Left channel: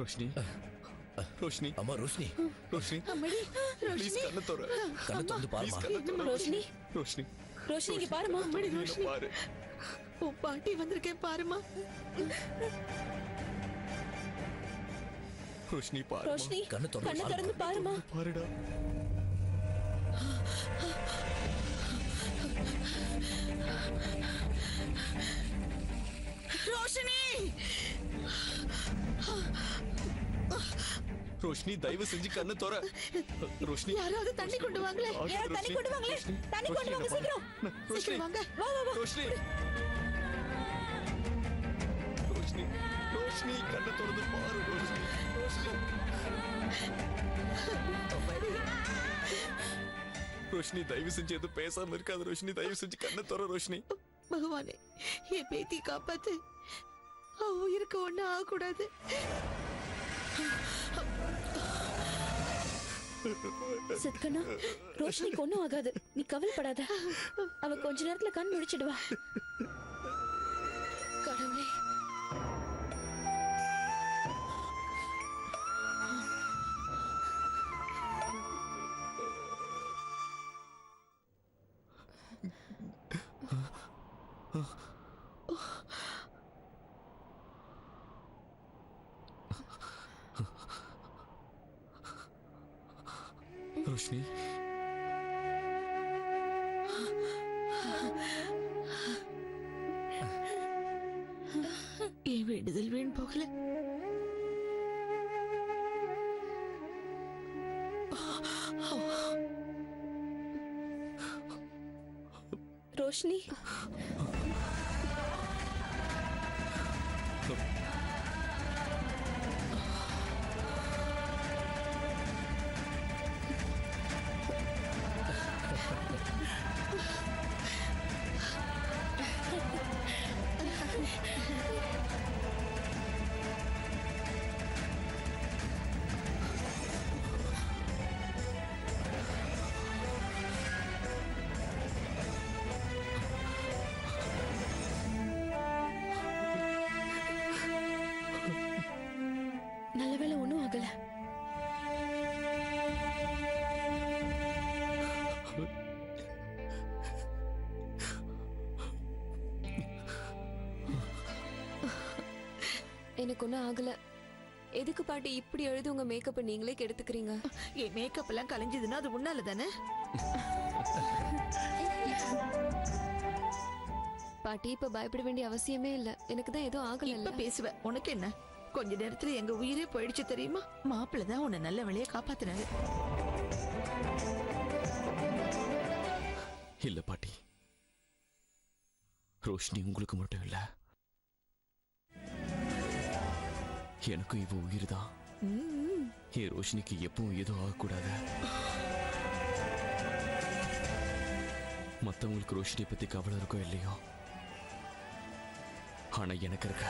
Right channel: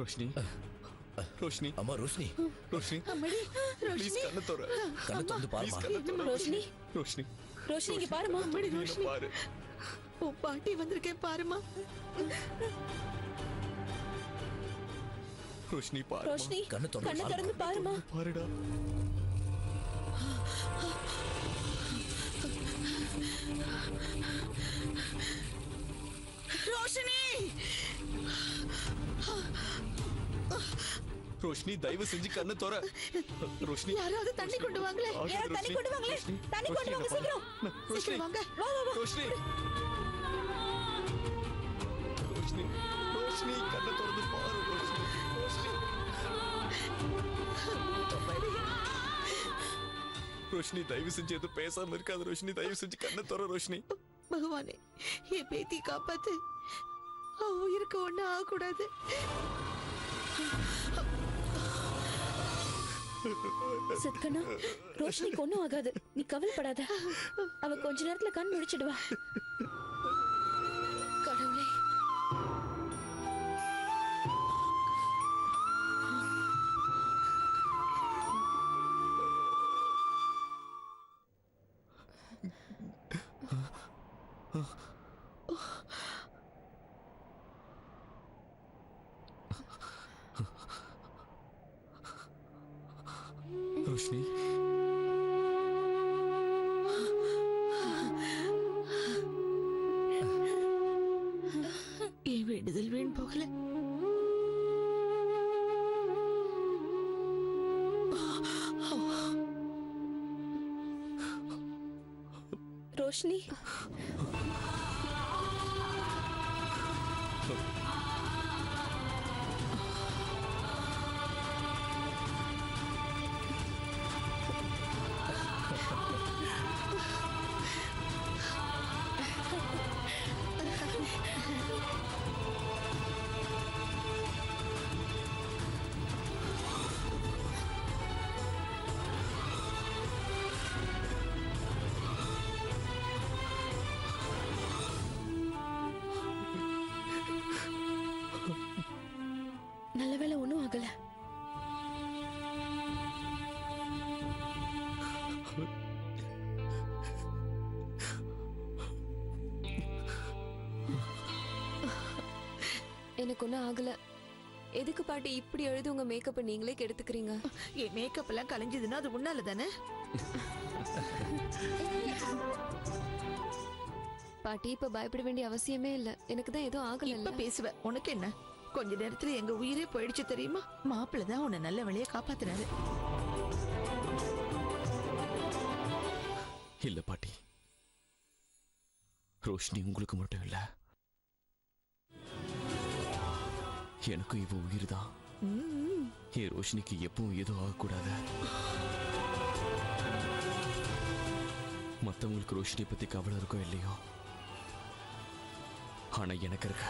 ரோஷினி ரோஷினி அம்மா ரோஷினி ரோஷினி அம்மாடி ப்ளீஸ் கண்ணை தோற கண்ணை திறந்து பாருமா. ரோஷினி ரோஷினி ரோஷினி இங்க பாருமா. அம்மாடி ரோஷினி பாரு. உன் பாட்டி வந்திருக்கேன் பாருமா. ரோஷினி பாரு. ரோஷினி கண்ணை திறந்து பாருமா. பாருடா. ரோஷினி ரோஷினி தயவு செஞ்சு கண்ணை தோற. ரோஷினி யாராவது தண்ணி கொண்டு வாங்களே. யாராவது தண்ணி கொண்டு வாங்களே. தண்ணி கொண்டு வாங்க சீக்கிரம். சீக்கிரம் வாங்க. வா வா வா. ரோஷினி ரோஷினி ரோஷினி கண்ணை திறந்து பாரு. ரோஷினி ரோஷினி ரோஷினி தயவு செஞ்சு எதுவும் பேசாம இருக்காது. ரோஷினி தயவு செஞ்சு கண்ணை தோற. ரோஷினி பகவானே என் பேத்தி காப்பாத்து. அவ உயிருக்கு ஒண்ணு ஆகக்கூடாது. சத்கண்ணா ரோஷினிக்கு ஒண்ணும் ஆகாது, நீ கவலைப்படாத. அவ கொஞ்ச நேரத்துல கண் முழிச்சிடுவா. கடவுளே. ரோஷினி என் வேண்டுதல் வீண் போகல. ரோஷினி நல்ல வேளை ஒண்ணும் ஆகல. எனக்கு ஒன்றும் ஆகல. எதுக்கு பாட்டி இப்படி எழுதி உங்க மேக்கப் நீங்களே கெடுத்துக்கிறீங்க? என் மேக்கப் எல்லாம் கலைஞ்சதுன்னா அது உன்னால தானே. பாட்டி இப்ப பயப்பட வேண்டிய அவசியமே இல்ல. எனக்கு தான் எதுவும் ஆகல. இப்ப பேசுவ, உனக்கு என்ன? கொஞ்ச நேரத்துல எங்க உயிரே போயிடுச்சு தெரியுமா? மாப்பிள்ள தான் உன்னை நல்ல வழியா காப்பாத்தினாரு. இல்ல பாட்டி, ரோஷினி உங்களுக்கு மட்டும் இல்ல, எனக்கும் இவ உயிர் தான். என் ரோஷினிக்கு எப்பவும் எதுவும் ஆகக்கூடாது. மத்தவங்களுக்கு ரோஷினி பத்தி கவலை இருக்கோ இல்லையோ, ஆனா எனக்கு இருக்க